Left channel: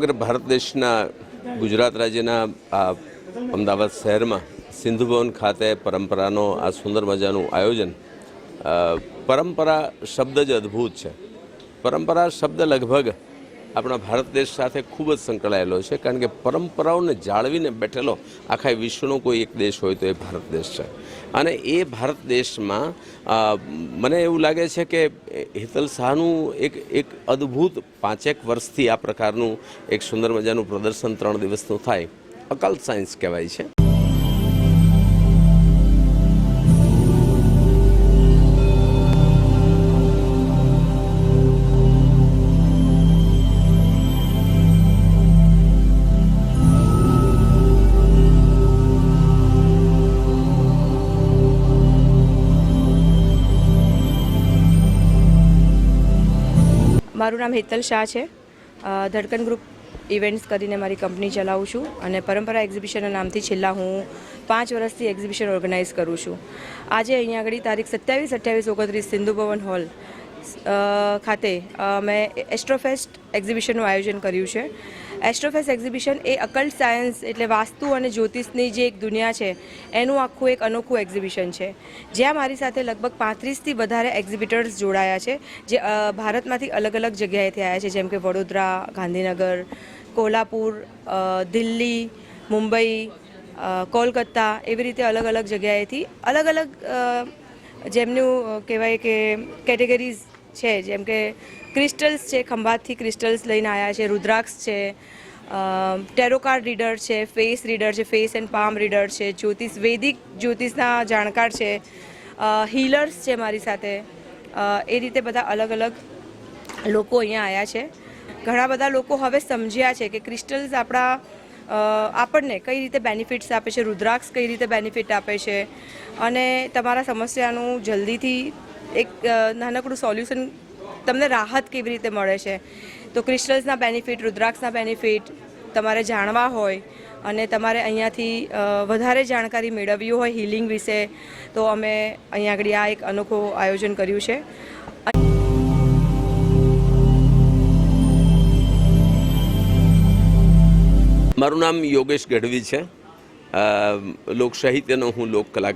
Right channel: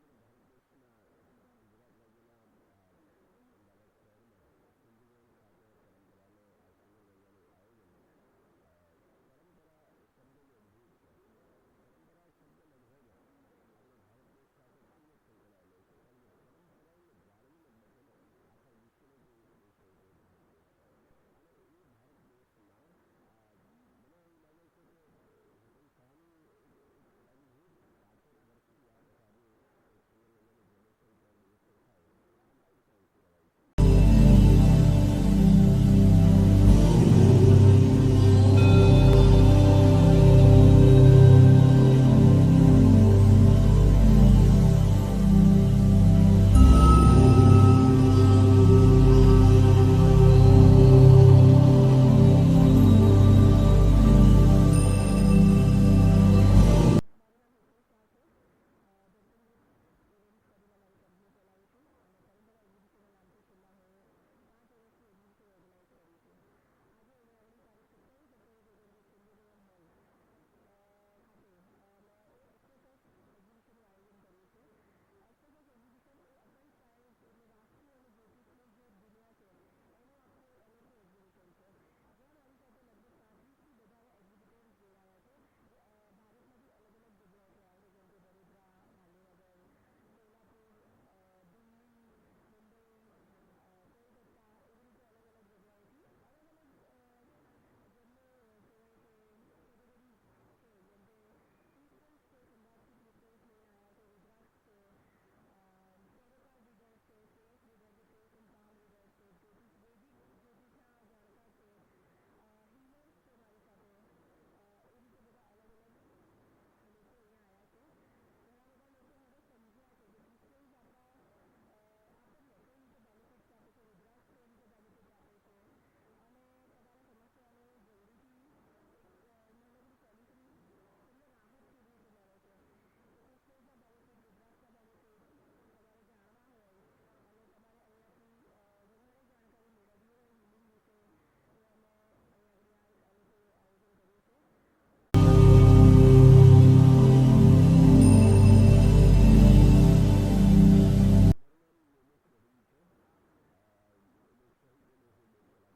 ખરેખર ભારત દેશના ગુજરાત રાજ્યના આ અમદાવાદ શહેરમાં સિંધુ ભવન ખાતે પરંપરાનો આ સુંદર મજાનું આયોજન પરંપરા શબ્દ જ અદ્ભુત છે. પરંપરા શબ્દ લગભગ આપણા ભારત દેશ સાથે ખૂબ જ સંકળાયેલો છે, કારણ કે પરંપરાઓને જાળવીને બેઠેલો આખા વિશ્વનો કોઈ એક દેશ હોય તો એ ભારત દેશ છે. અને એ ભારત દેશમાં મને એવું લાગે છે કે હેતલ શાહનું એક એક અદ્ભુત પાંચેક વર્ષથી આ પ્રકારનું એક સુંદર મજાનું પ્રદર્શન ત્રણ દિવસનું થાય. અકલ્ટ સાયન્સ કહેવાય છે. મારું નામ હેતલ શાહ છે. ધડકન ગ્રુપ ઇવેન્ટ્સ કરીને મારી કંપની ચલાવું છું અને પરંપરા એક્ઝિબિશનના નામથી છેલ્લા હું પાંચ વર્ષથી એક્ઝિબિશન ઓર્ગેનાઇઝ કરું છું. આજે અહીંયા આગળ તારીખ સત્યાવીસ અઠ્યાવીસ ઓગણત્રીસ સિંધુ ભવન હોલ ખાતે મેં એસ્ટ્રોફેસ્ટ એક્ઝિબિશનનું આયોજન કર્યું છે. એસ્ટ્રોફેસ્ટ એક્ઝિબિશન એ અકલ્ટ સાયન્સ એટલે વાસ્તુ અને જ્યોતિષની જે એક દુનિયા છે, એનું આખું એક અનોખું એક્ઝિબિશન છે. જ્યાં મારી સાથે લગભગ પાંત્રીસથી વધારે એક્ઝિબિટર્સ જોડાયા છે, જે ભારતમાંથી અલગ અલગ જગ્યાએથી આવ્યા છે, જેમ કે વડોદરા, ગાંધીનગર, કોલ્હાપુર દિલ્હી, મુંબઈ કોલકત્તા કોલકાતા એવી રીતે અલગ અલગ જગ્યાએથી અલગ અલગ જેમનું કહેવાય કે કેટેગરીઝ છે, જેમ કે ક્રિસ્ટલ્સ છે, ખંભાતથી ક્રિસ્ટલ્સ લઈને આવ્યા છે, રુદ્રાક્ષ છે ટેરોકાર્ડ રીડર છે ફેસ રીડર છે ફેસ એન્ડ પામ રીડર છે, જ્યોતિષ, વૈદિક જ્યોતિષના જાણકાર છે હીલર્સ છે મારી સાથે. એ રીતે બધા અલગ અલગ લોકો અહીંયા આવ્યા છે. ઘણા બધા લોકો હવે સમજ્યા છે કે ક્રિસ્ટલ્સ આપણા આપણને કઈ રીતે બેનિફિટ્સ આપે છે, રુદ્રાક્ષ કઈ રીતે બેનિફિટ આપે છે. અને તમારા સમસ્યાનું જલ્દીથી એક નાનકડું સોલ્યુશન તમને રાહત કેવી રીતે મળે છે? તો ક્રિસ્ટલ્સના બેનિફિટ, રુદ્રાક્ષના બેનિફિટ તમારે જાણવા હોય અને તમારે અહીંયાથી વધારે જાણકારી મેળવવી હોય હિલિંગ વિશે, તો અમે અહીંયા આગળ આ એક અનોખું આયોજન કર્યું છે. મારું નામ યોગેશ ગઢવી છે. લોક સાહિત્યનો હું લોક કલાકાર